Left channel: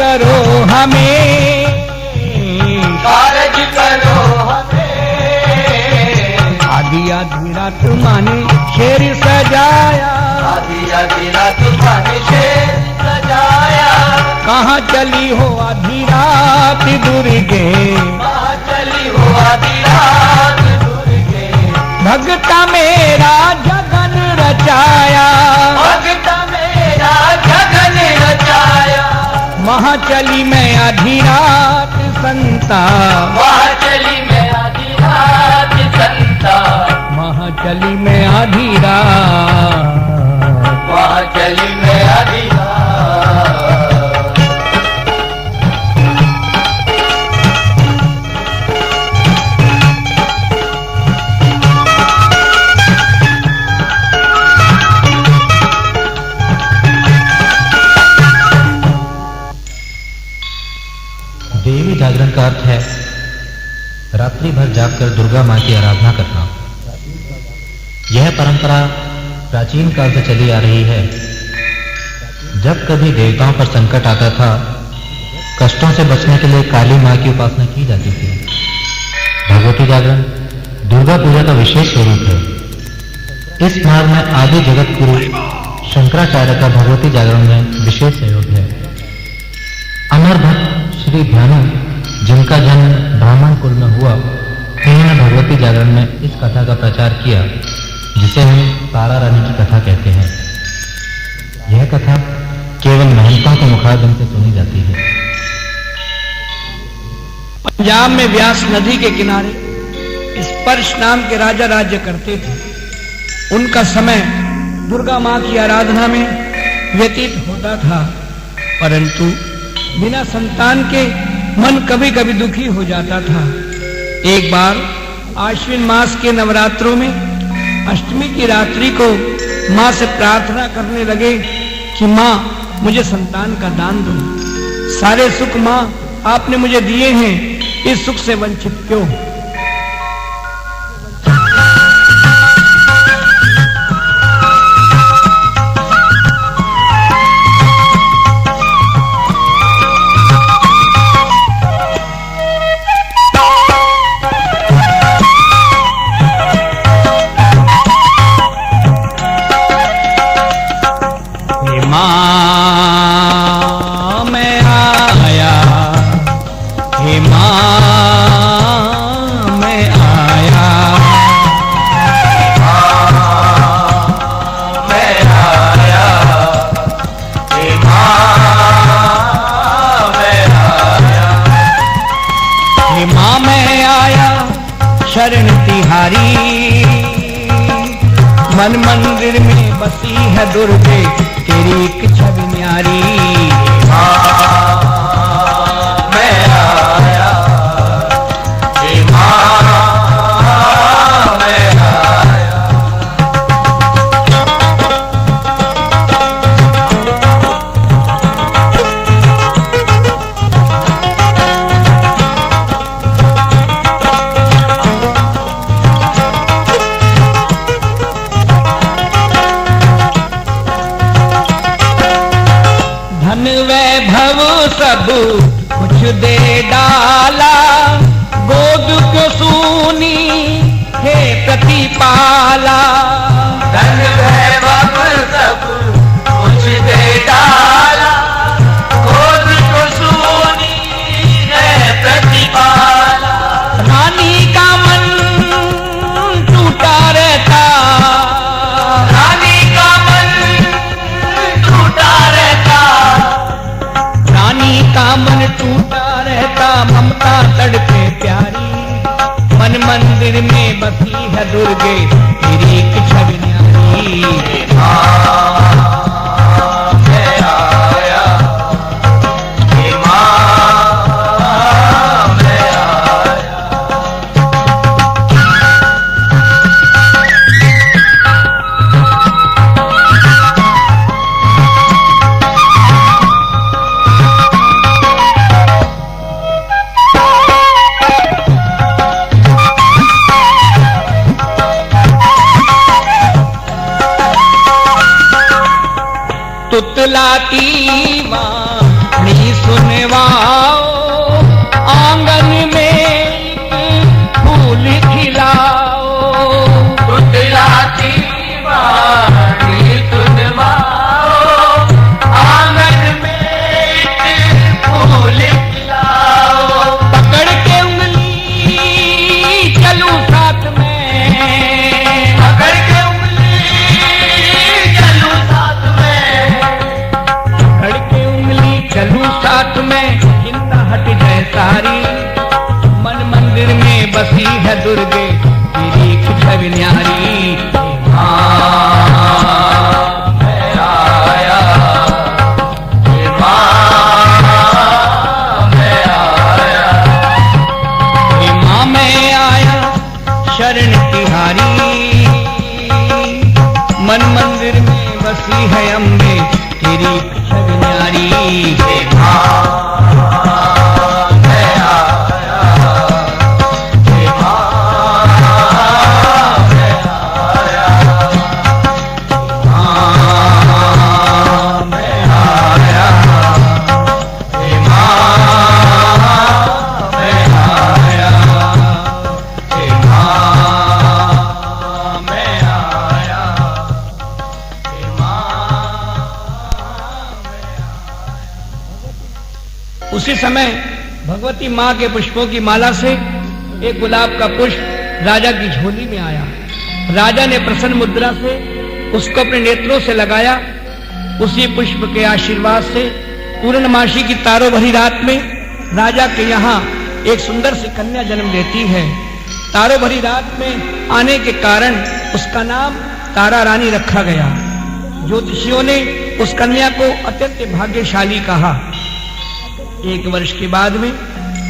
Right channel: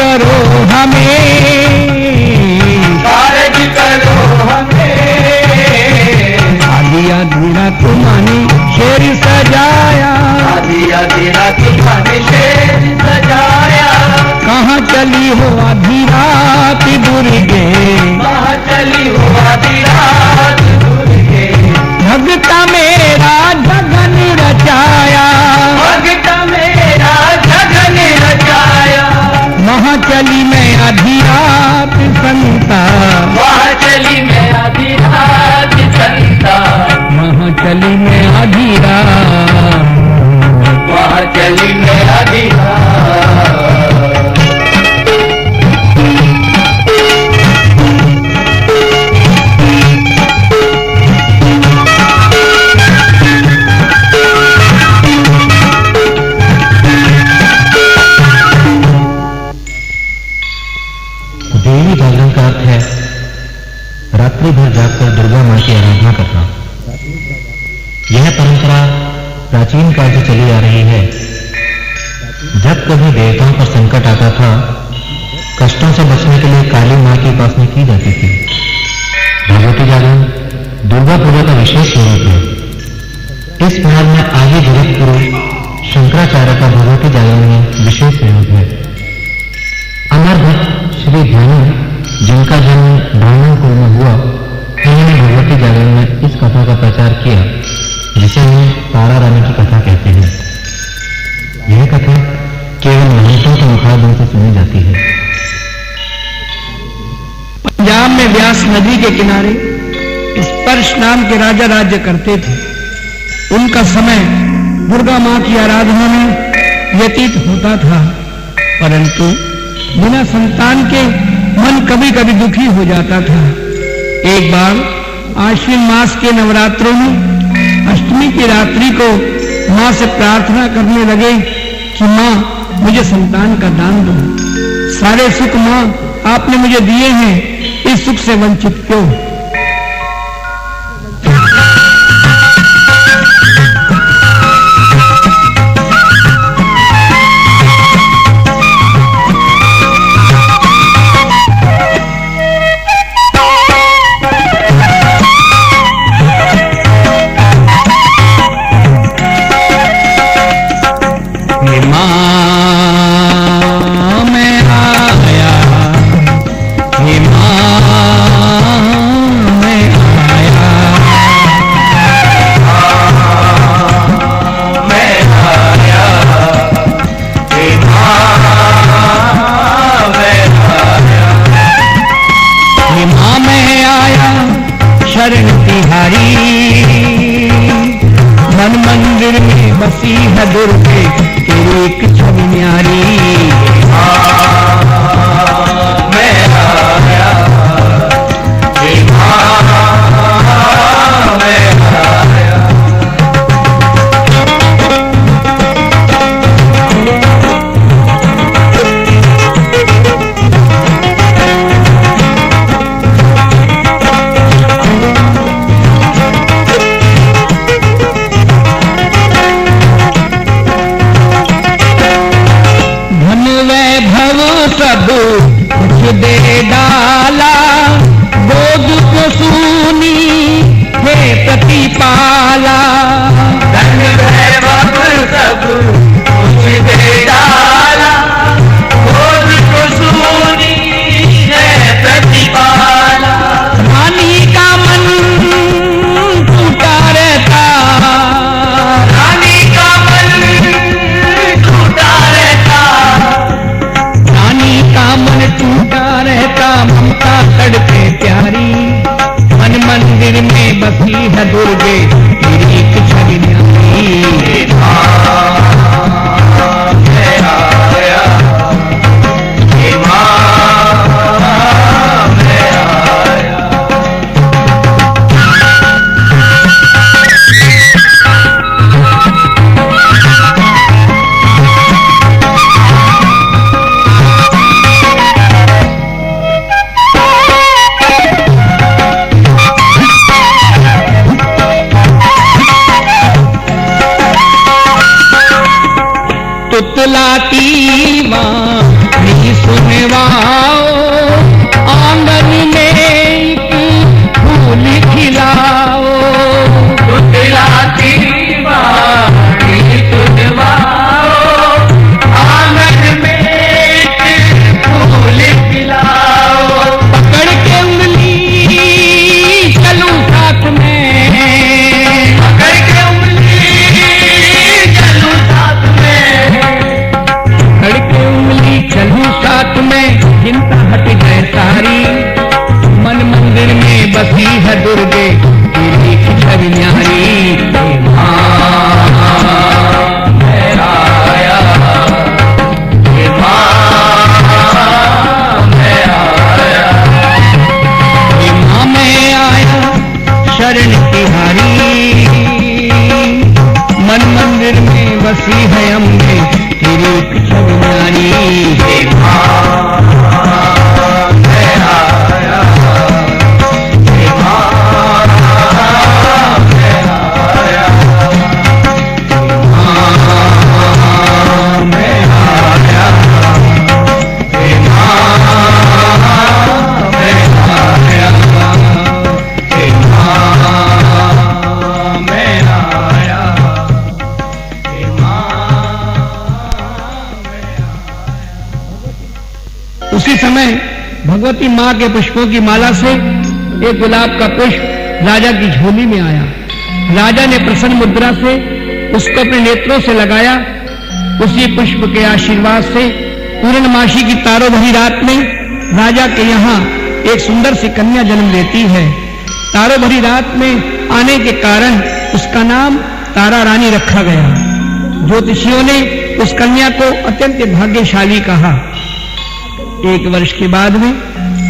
करो हमें, कारज करो हमें। आधी आधी रात माने शेर सजाया, आधी आधी रात माने शेर सजाया। कहाँ चली हो आधी रात दुर्गे, कहाँ चली हो आधी रात दुर्गे। भगता मेरा जगन रचाया, भगता मेरा जगन रचाया। वहाँ चली मैं आधी रात संता, वहाँ चली मैं आधी रात संता। वहाँ चली मैं आधी रात, वहाँ चली मैं आधी रात। देवी जागरण का अर्थ है रात्रि भर जागकर दुर्गा मां की आराधना करना। यह परंपरा प्राचीन काल से चली आ रही है। जब कभी देवताओं पर संकट आता था, कष्टों से बचने के लिए काली मां की उपासना की जाती थी। भगवती जागरण दुर्गा पूजा का विशेष स्वरूप है। इस मार्ग में आदि जगत गुरु शंकराचार्य का भगवती जागरण में विशेष सहयोग है। अमर भक्त श्री भानु, जिनका जन्म ब्राह्मण कुल में हुआ, उन्होंने भगवती जागरण में इस कथा का प्रचार किया, जिसे हम तारा रानी की कथा कहते हैं। यह कथा केवल महंतों के मुखारबिंद से सुनी जाती है। पंजाब में व्यास नदी के किनारे स्पर्श नाम के राजा राज्य करते थे। उनका समय दुर्गा मां की आराधना में व्यतीत होता था, परंतु बिना संतान के मन कभी कभी दुखी हो जाता था। एक बार आश्विन मास के नवरात्रों में अष्टमी की रात्रि को मां से प्रार्थना करने लगे कि मां मुझे संतान का दान दो। सारे सुख मां आपने मुझे दिए हैं, इस सुख से वंचित क्यों? शरण तिहारी मन मंदिर में बसी है दुर्गे, तेरी एक छवि न्यारी। मैं आया, हे मां मैं आया। सब कुछ दे डाला, गोद को सूनी हे प्रतिपाला। धन वैभव सब कुछ दे डाला, गोद को सूनी है प्रतिपाला। रानी का मन टूटा रहता, रानी का मन टूटा रहता, रानी का मन टूटा रहता, ममता तड़पे प्यारी। मन मंदिर में बसी है दुर्गे, तेरी एक छवि न्यारी। मैं आया, हे मां मैं आया। तुतलाती वाणी रानी सुनवाओ, आंगन में फूल खिलाओ। तुतलाती वाणी सुनवाओ, आंगन में फूल खिलाओ। पकड़ के उंगली चलूं साथ में, पकड़ के उंगली चलूं साथ में, पकड़ के उंगली चलूं साथ में। चिंता हट जाए सारी, मन मंदिर में बसी है दुर्गे तेरी छवि न्यारी। शरण तिहारी, मन मंदिर में बसी है अम्बे तेरी छवि न्यारी। उसी समय भगवती मां के पुष्पों की माला से एक गुलाब का पुष्प राजा की झोली में आया। राजा ने प्रसन्न मुद्रा से उसको अपने नेत्रों से लगाया। उसी पुष्प के आशीर्वाद से पूर्णमासी की तारों भरी रात में राजा के यहाँ एक सुंदर सी कन्या जन्म लेती है। तारों भरी रात में आने के कारण उसका नाम तारा रानी रखा गया। ज्योतिषियों ने उस कन्या को अत्यंत भाग्यशाली कहा। एक वर्ष के बाद में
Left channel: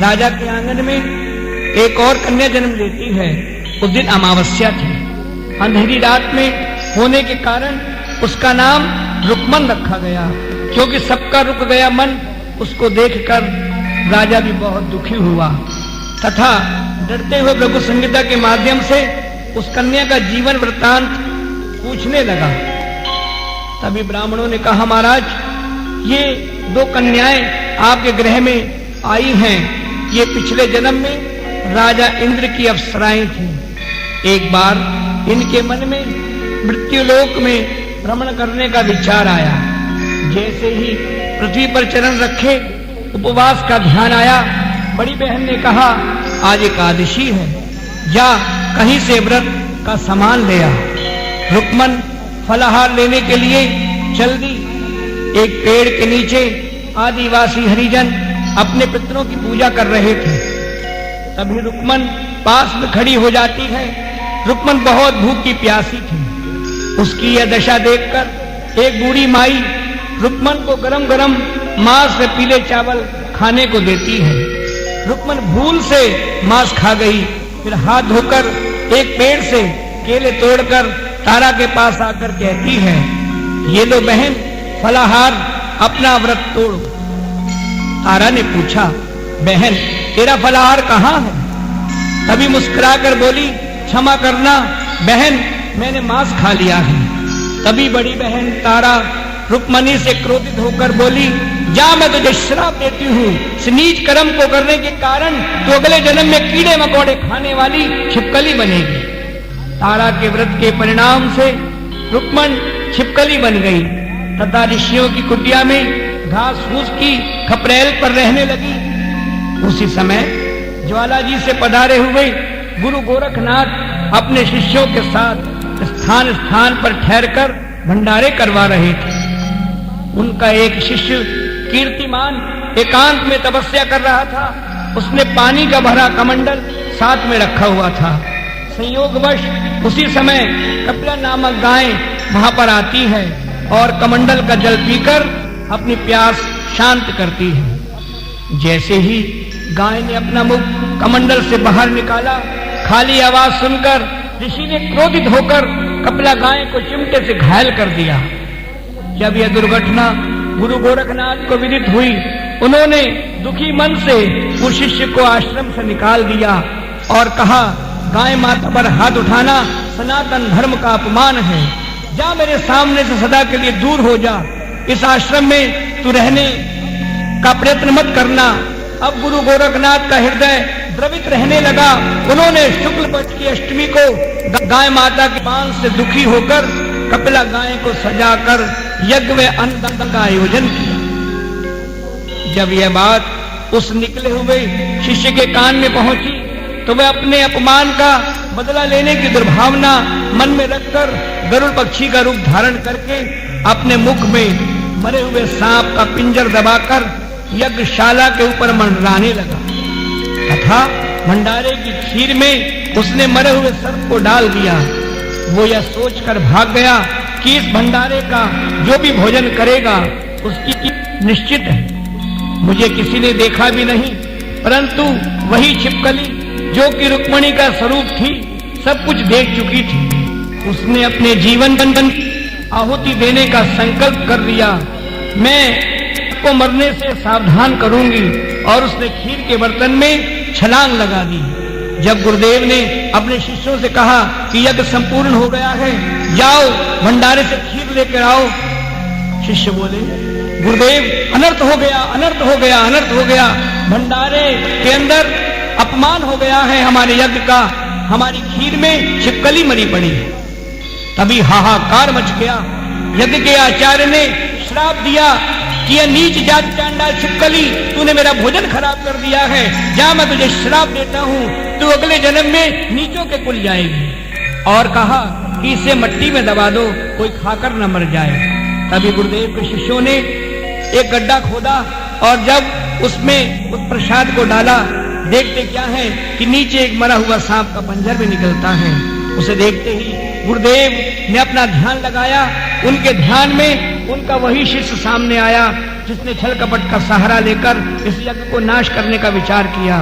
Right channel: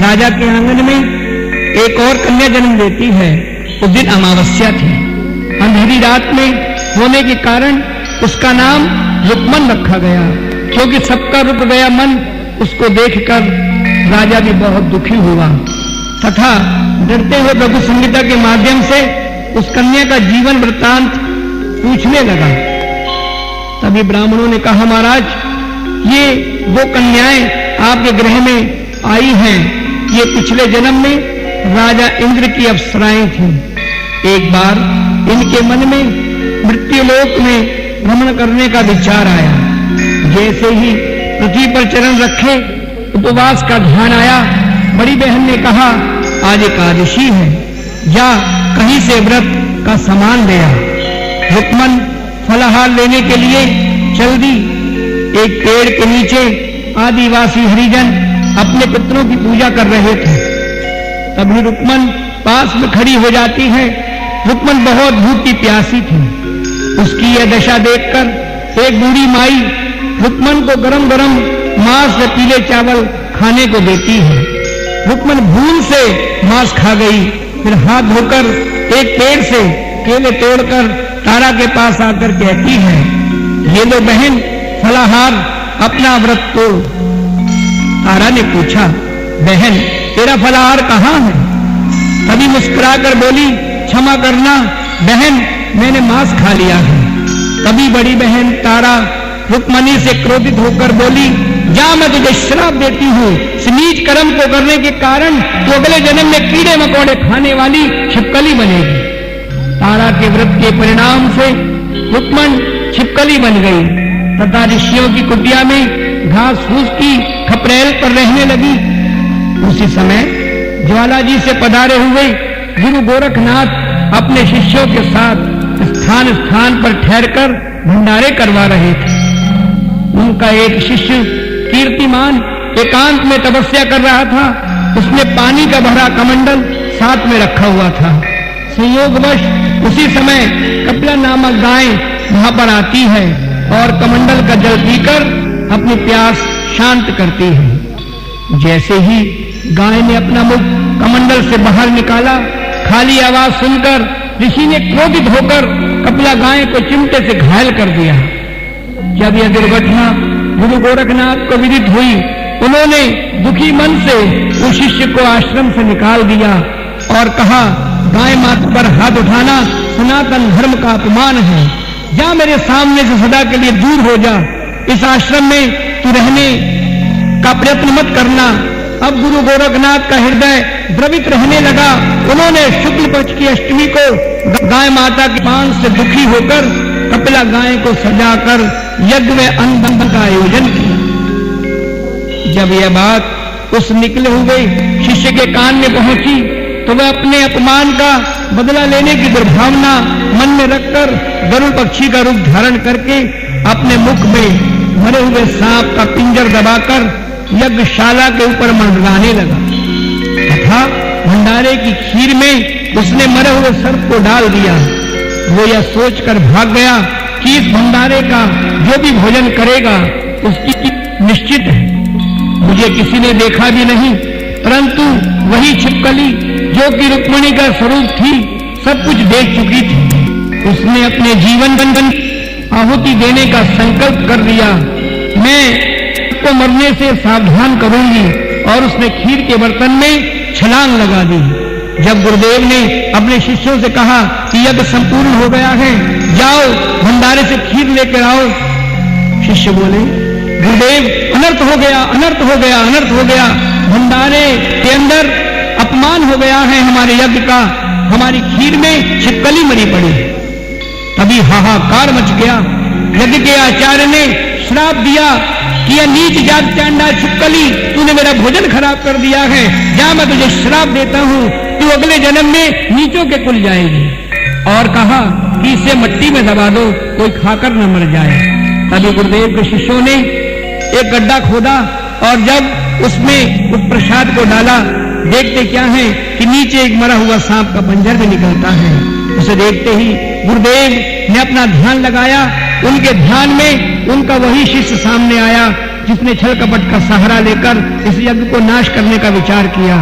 राजा के आंगन में एक और कन्या जन्म लेती है। उस दिन अमावस्या थी। अंधेरी रात में होने के कारण उसका नाम रुक्मन रखा गया, क्योंकि सबका रुक गया मन उसको देखकर राजा भी बहुत दुखी हुआ तथा डरते हुए प्रभु संहिता के माध्यम से उस कन्या का जीवन वृत्तांत पूछने लगा। तभी ब्राह्मणों ने कहा, महाराज, ये वो कन्याएं आपके गृह में आई हैं, ये पिछले जन्म में राजा इंद्र की अप्सराएं थीं। एक बार इनके मन में मृत्युलोक में भ्रमण करने का विचार आया। जैसे ही पृथ्वी पर चरण रखे उपवास का ध्यान आया। बड़ी बहन ने कहा, आज एकादशी है, जा कहीं से व्रत का सामान ले आ। रुक्मन फलाहार लेने के लिए चल दी। एक पेड़ के नीचे आदिवासी हरिजन अपने पितरों की पूजा कर रहे थे। तभी रुक्मन पास में खड़ी हो जाती है। रुक्मन बहुत भूखी प्यासी थी। उसकी यह दशा देखकर एक बूढ़ी माई रुक्मन को गरम गरम मांस व पीले चावल खाने को देती है। रुक्मन भूल से मांस खा गई। फिर हाथ धोकर एक पेड़ से केले तोड़कर तारा के पास आकर कहती है, ये लो बहन फलाहार, अपना व्रत तोड़। तारा ने पूछा, बहन तेरा फलाहार कहाँ है? तभी मुस्कुराकर बोली, क्षमा करना बहन, मैंने मांस खा लिया है। तभी बड़ी बहन तारा रुक्मणी से क्रोधित होकर बोली, जा मैं तुझे श्राप देती हूँ। इस नीच कर्म को करने के कारण तू अगले जन्म में कीड़े मकोड़े खाने वाली छिपकली बनेगी। तारा के व्रत के परिणाम से रुक्मण छिपकली बन गई तथा ऋषियों की कुटिया में घास फूस की खपरेल पर रहने लगी। उसी समय ज्वाला जी से पधारे हुए गुरु गोरखनाथ अपने शिष्यों के साथ स्थान स्थान पर ठहरकर भंडारे करवा रहे थे। उनका एक शिष्य कीर्तिमान एकांत में तपस्या कर रहा था। उसने पानी का भरा कमंडल साथ में रखा हुआ था। संयोगवश उसी समय कपिला नामक गाय वहां पर आती है और कमंडल का जल पीकर अपनी प्यास शांत करती है। जैसे ही गाय ने अपना मुख कमंडल से बाहर निकाला, खाली आवाज सुनकर ऋषि ने क्रोधित होकर कपिला गाय को चिमटे से घायल कर दिया। जब यह दुर्घटना गुरु गोरखनाथ को विदित हुई, उन्होंने दुखी मन से उस शिष्य को आश्रम से निकाल दिया और कहा, गाय माता पर हाथ उठाना सनातन धर्म का अपमान है। जा मेरे सामने से सदा के लिए दूर हो जा। इस आश्रम में तू रहने का प्रयत्न मत करना। अब गुरु गोरखनाथ का हृदय द्रवित रहने लगा। उन्होंने शुक्ल पक्ष की अष्टमी को गाय माता के पांव से दुखी होकर कपिला गाय को सजाकर यज्ञ व अन्न का आयोजन किया। जब यह बात उस निकले हुए शिष्य के कान में पहुंची तो वह अपने अपमान का बदला लेने की दुर्भावना मन में रखकर गरुड़ पक्षी का रूप धारण करके अपने मुख में मरे हुए सांप का पिंजर दबाकर यज्ञशाला के ऊपर मंडराने लगा तथा भंडारे की खीर में उसने मरे हुए सर्प को डाल दिया। वो यह सोचकर भाग गया कि इस भंडारे का जो भी भोजन करेगा उसकी निश्चित है। मुझे किसी ने देखा भी नहीं, परंतु वही छिपकली जो कि रुक्मिणी का स्वरूप थी सब कुछ देख चुकी थी। उसने अपने जीवन आहुति देने का संकल्प कर लिया। मैं को मरने से सावधान करूंगी और उसने खीर के बर्तन में छलांग लगा दी। जब गुरुदेव ने अपने शिष्यों से कहा कि यज्ञ संपूर्ण हो गया है, जाओ भंडारे से खीर लेकर आओ। शिष्य बोले, गुरुदेव अनर्थ हो गया, अनर्थ हो गया, अनर्थ हो गया। भंडारे के अंदर अपमान हो गया है हमारे यज्ञ का, हमारी खीर में छिपकली मरी पड़ी है। तभी हाहाकार मच गया। यज्ञ के आचार्य ने श्राप दिया कि यह नीच जात चांडाल छिपकली, तूने मेरा भोजन खराब कर दिया है। जा, मैं तुझे श्राप देता हूँ, तू अगले जन्म में नीचों के कुल जाएगी। और कहा कि इसे मिट्टी में दबा दो, कोई खाकर न मर जाए। तभी गुरुदेव के शिष्यों ने एक गड्ढा खोदा और जब उसमें उस प्रसाद को डाला, देखते क्या है कि नीचे एक मरा हुआ सांप का पंजर भी निकलता है। उसे देखते ही गुरुदेव ने अपना ध्यान लगाया। उनके ध्यान में उनका वही शिष्य सामने आया जिसने छल कपट का सहारा लेकर इस यज्ञ को नाश करने का विचार किया।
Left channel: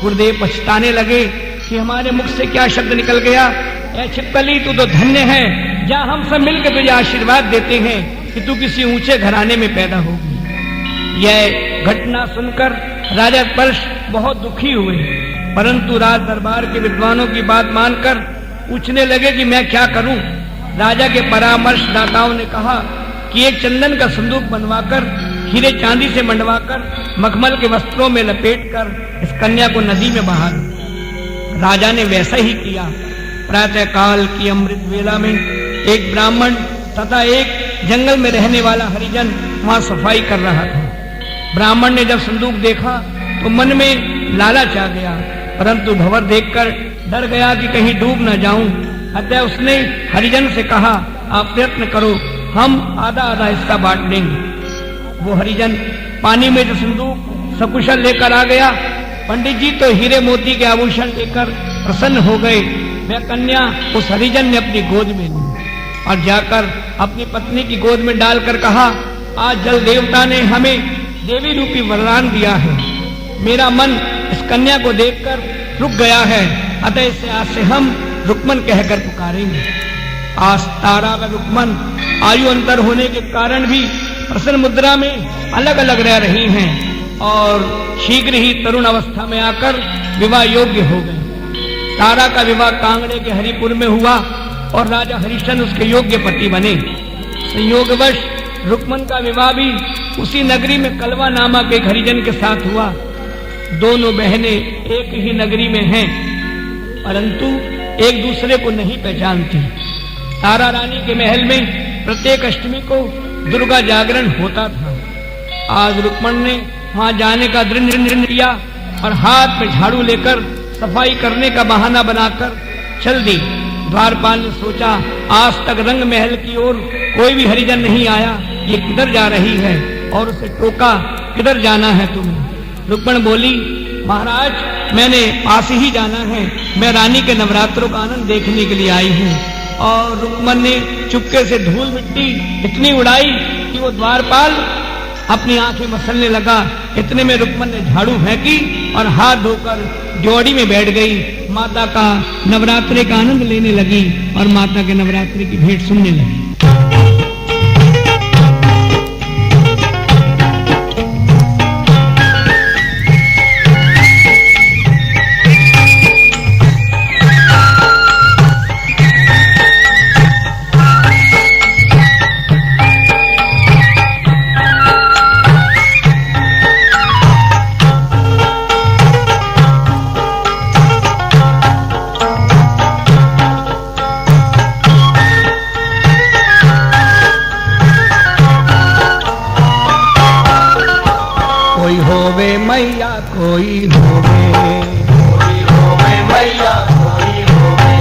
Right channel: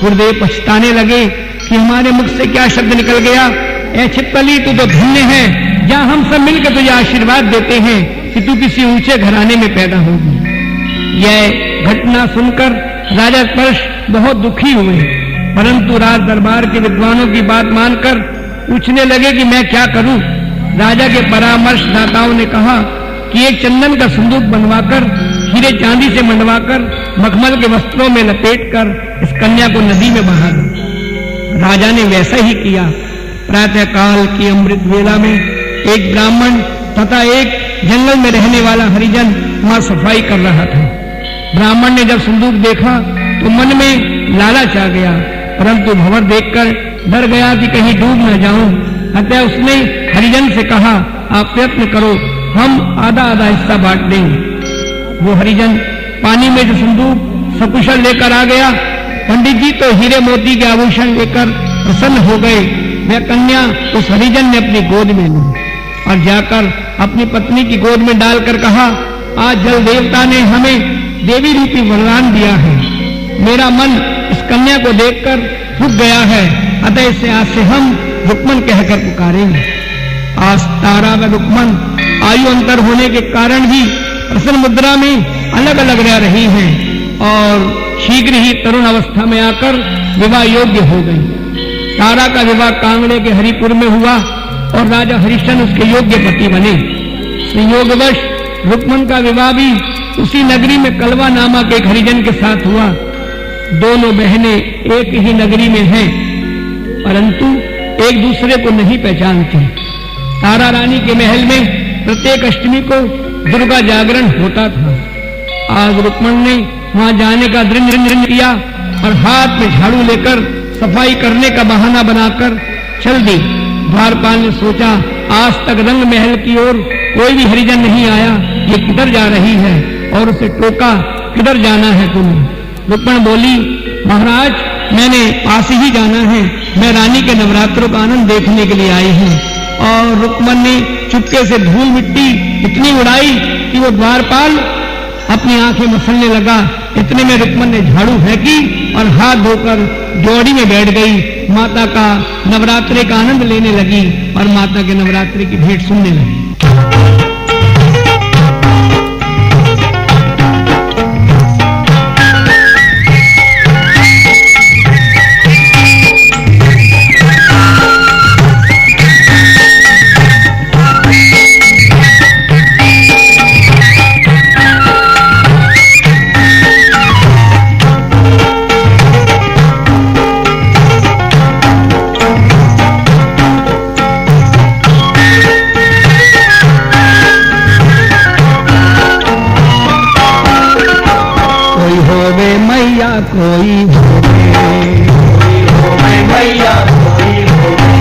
गुरुदेव पछताने लगे कि हमारे मुख से क्या शब्द निकल गया। ए छिपकली, तू तो धन्य है, जहाँ हम सब मिलकर तुझे आशीर्वाद देते हैं कि तू किसी ऊंचे घराने में पैदा होगी। यह घटना सुनकर राजा कर्ष बहुत दुखी हुए, परंतु राज दरबार के विद्वानों की बात मानकर पूछने लगे कि मैं क्या करूं। राजा के परामर्शदाताओं ने कहा कि एक चंदन का संदूक बनवाकर हीरे चांदी से मंडवाकर मखमल के वस्त्रों में लपेटकर इस कन्या को नदी में बहा दो। राजा ने वैसा ही किया। प्रातः काल की अमृत वेला में एक ब्राह्मण तथा एक जंगल में रहने वाला हरिजन वहां सफाई कर रहा था। ब्राह्मण ने जब संदूक देखा तो मन में लालच आ गया, परंतु भंवर देखकर डर गया कि कहीं डूब न जाऊं। अतः उसने हरिजन से कहा, आप प्रयत्न करो, हम आधा आधा हिस्सा बांट देंगे। वो हरिजन पानी में जो संदूक सकुशल लेकर आ गया। पंडित जी तो हीरे मोती के आभूषण लेकर प्रसन्न हो गए। वह कन्या उस हरिजन ने अपनी गोद में ली और जाकर अपनी पत्नी की गोद में डालकर कहा, आज जल देवता ने हमें देवी रूपी वरदान दिया है। मेरा मन इस कन्या को देखकर रुक गया है, अतः इसे आज से हम रुक्मन कहकर पुकारेंगे। आज तारा व रुक्मन आयु अंतर होने के कारण भी प्रसन्न मुद्रा में अलग अलग रह रही हैं और शीघ्र ही तरुण अवस्था में आकर विवाह योग्य हो गई। तारा का विवाह कांगड़े के हरिपुर में हुआ और राजा हरिश्चंद्र उसके योग्य पति बने। संयोगवश रुक्मन का विवाह भी उसी नगरी में कलवा नामक एक हरिजन के साथ हुआ। दोनों बहनें एक ही नगरी में हैं, परंतु एक दूसरे को नहीं पहचानती। तारा रानी के महल में प्रत्येक अष्टमी को दुर्गा जागरण होता था। आज रुक्मन ने वहां जाने का दृढ़ किया और हाथ में झाड़ू लेकर सफाई करने का बहाना बनाकर चल दी। द्वारपाल ने सोचा, आज तक रंग महल की ओर कोई भी हरिजन नहीं आया, ये किधर जा रही है, और उसे टोका, किधर जाना है तुम्हें। रुक्मण बोली, महाराज मैंने पास ही जाना है, मैं रानी के नवरात्रों का आनंद देखने के लिए आई हूँ। और रुक्मन ने चुपके से धूल मिट्टी इतनी उड़ाई कि वो द्वारपाल अपनी आंखें मसलने लगा। इतने में रुक्मन ने झाड़ू फेंकी और हाथ धोकर जोड़ी में बैठ गई। माता का नवरात्रि का आनंद लेने लगी और माता के नवरात्रि की भेंट सुनने लगी। कोई होवे मैया कोई होवे, मैया कोई होवे,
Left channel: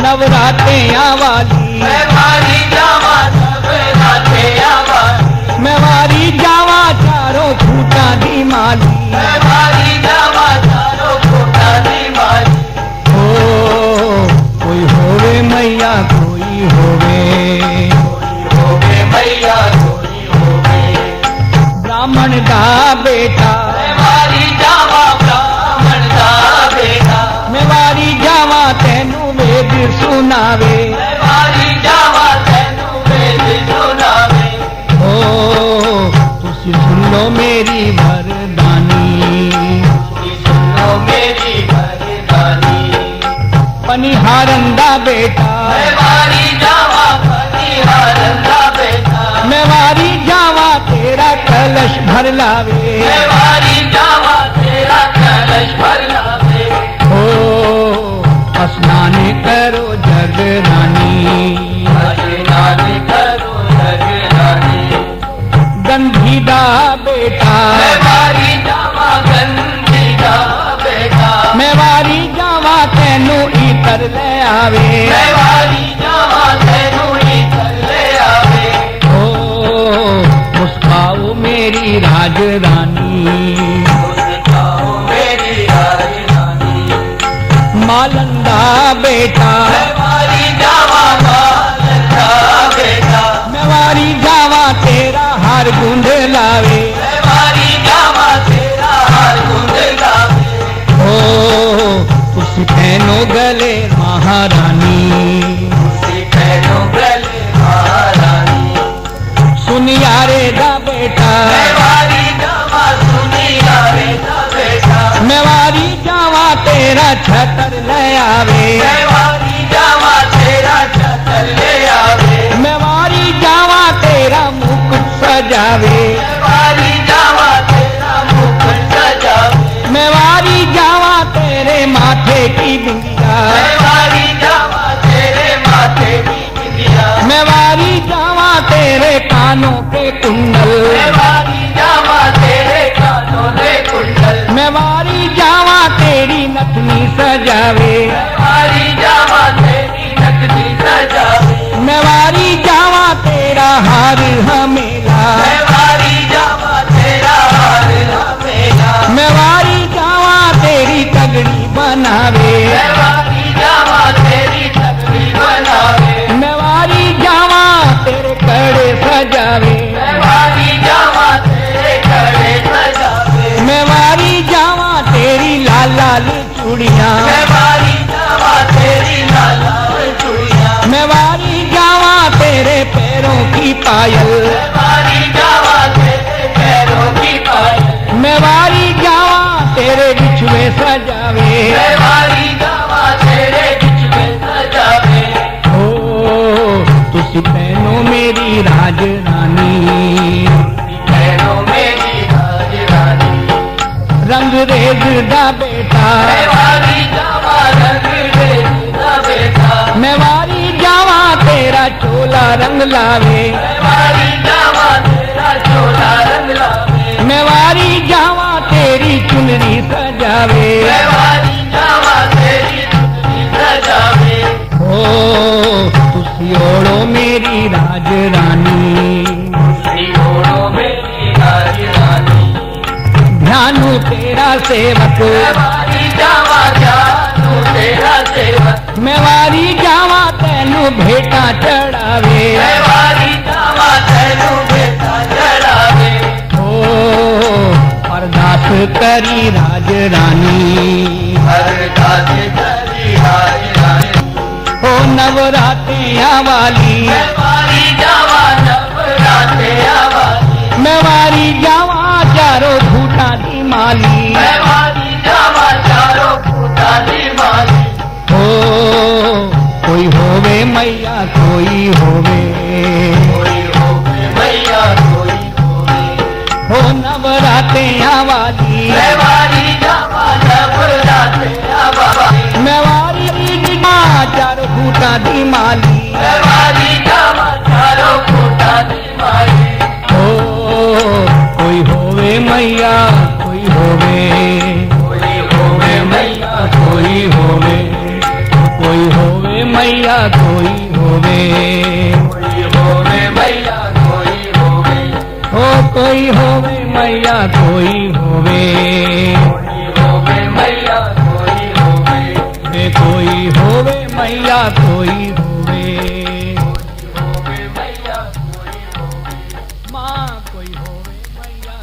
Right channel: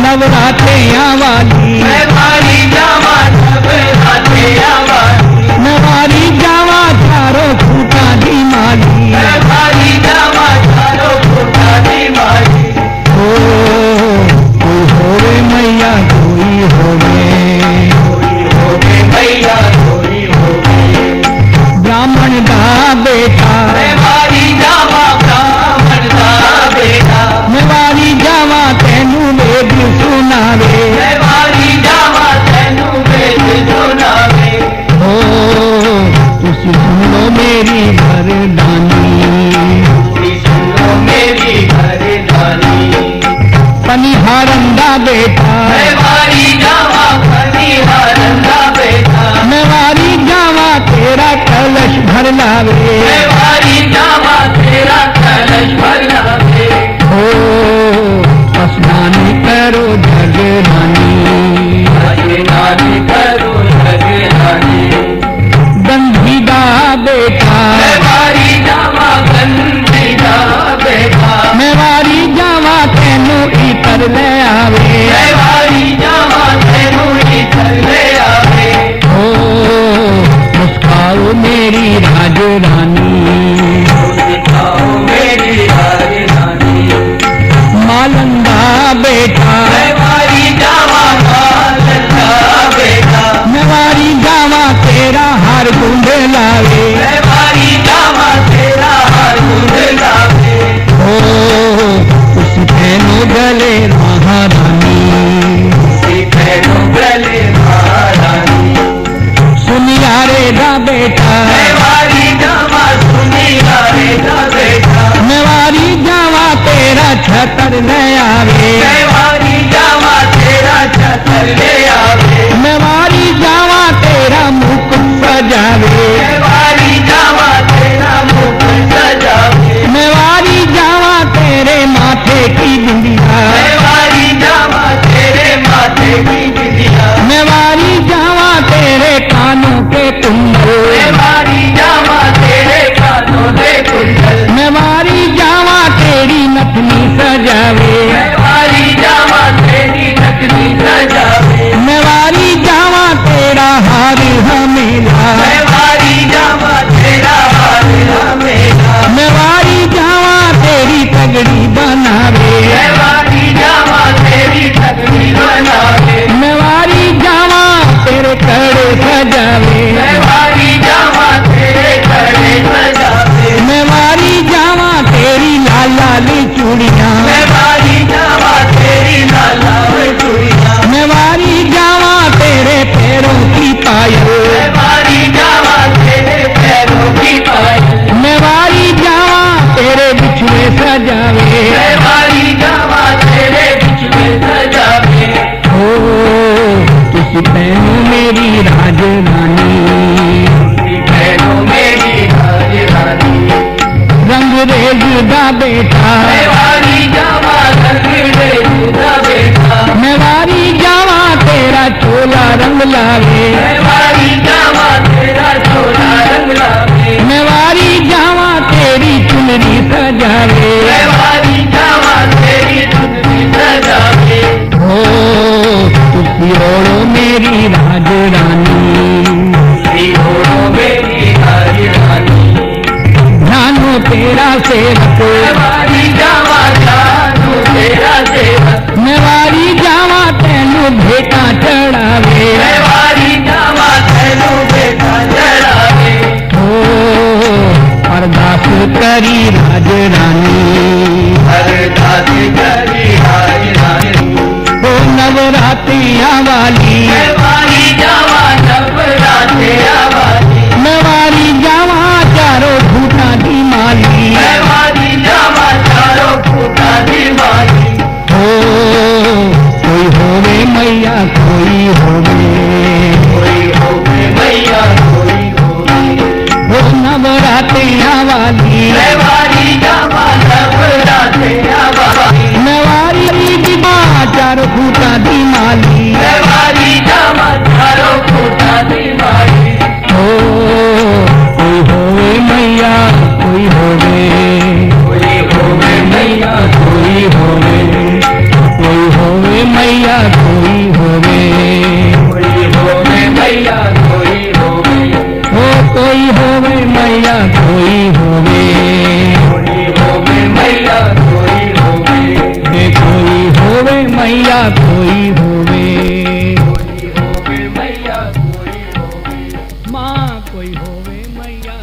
नवरात्रियां वाली मेवारी जावा नवरात्रियां वाली, मेवारी जावा चारों खूटा दी माली, मेवारी जावा चारों खूटा दी माली, ओ कोई होवे मैया कोई होवे, मैया कोई होवे, ब्राह्मण दा बेटा मेवारी जावा ब्राह्मण दा बेटा, मेवारी जावा तेनू वेद सुनावे, मेवारी जावा तेनू वेद सुनावे, ओ तुसी सुन लो मेरी वरदानी, सुनो मेरी वरदानी, पनिहारन दा बेटा मेवारी जावा पनिहारन दा बेटा, मेवारी जावा तेरा कलश भर लावे, मेवारी जावा तेरा कलश भर लावे, ओ स्नान करो जगरानी, रानी करो जगरानी, गंधी दा बेटा मेवारी जावा गंदी दा बेटा, मेवारी जावा तेनू इतर ले आवे, मेवारी जावा तेनू ही चले आवे, ओ मुस्काओ मेरी राजरानी, सिखाओ मेरी राजरानी, मालंदा बेटा मेवारी जावा मालदा बेटा, मेवारी जावा तेरा हार गुंडे लावे, मेवारी जावा तेरा हार गुंडे लावे, ओ तुसी तेनो गले महारानी, सिखाओ गले महारानी, सुनियारे दा बेटा मेवारी जावा सुनियारे दा बेटा, मेवारी जावा तेरा छतर ले आवे, मेवारी जावा तेरा छतर ले आवे, मेवारी जावा तेरा मुकुट सजावे, मेवारी जावा तेरा मुकुट सजावे, मेवारी जावा तेरे माथे की बिंदिया, मेवारी जावा तेरे माथे की बिंदिया, मेवारी जावा तेरे कानों के कुंडल, मेवारी जावा तेरे कानों के कुंडल, मेवारी जावा तेरी नथनी सजावे, मेवारी जावा तेरी नगरी सजावे, मेवारी जावा तेरा हार हमेला, मेवारी जावा तेरा हार हमेला, मेवारी जावा तेरी तगड़ी बनावे, मेवारी जावा तेरी नगरी बनावे, मेवारी जावा तेरे कड़े सजावे, मेवारी जावा तेरे कड़े सजावे, मेवारी जावा तेरी लाल लाल चूड़ियां, मेवारी जावा तेरी लाला चूड़ियां, मेवारी जावा तेरे पैरों की पायल, मेवारी जावा तेरे पैरों की पायल, मेवारी जावा तेरे बिछुए सजावे, मेवारी जावा तेरे बीच में सजावे, ओ तुसी बहनों मेरी राजरानी, बहनों मेरी राजरानी, रंग रेज दा बेटा मेवारी जावा रंगीले जुदा बेटा, मेवारी जावा तेरा चोला रंग लावे, मेवारी जावा तेरा चोला रंग लावे, मेवारी जावा तेरी चुनरी सजावे, मेवारी जावा तेरी चुनरी सजावे, ओ तुसी ओढ़ो मेरी राजरानी, ओढ़ो मेरी राजरानी, ध्यानो तेरा सेवक, मेवारी जावा जानो तेरा सेवक, मेवारी जावा तेनू भेटा चढ़ावे, मेवारी जावा तेनू बेटा चढ़ावे, ओ अरदास करी राजरानी, अरदास करी राजरानी, ओ नवरात्रियां वाली, मेवारी जावा नवरात्रियां वाली, मेवारी जावा चारों खूटा की माली, मेवारी जावा चारों खूटा दी माली, ओ कोई होवे मैया कोई होवे मैया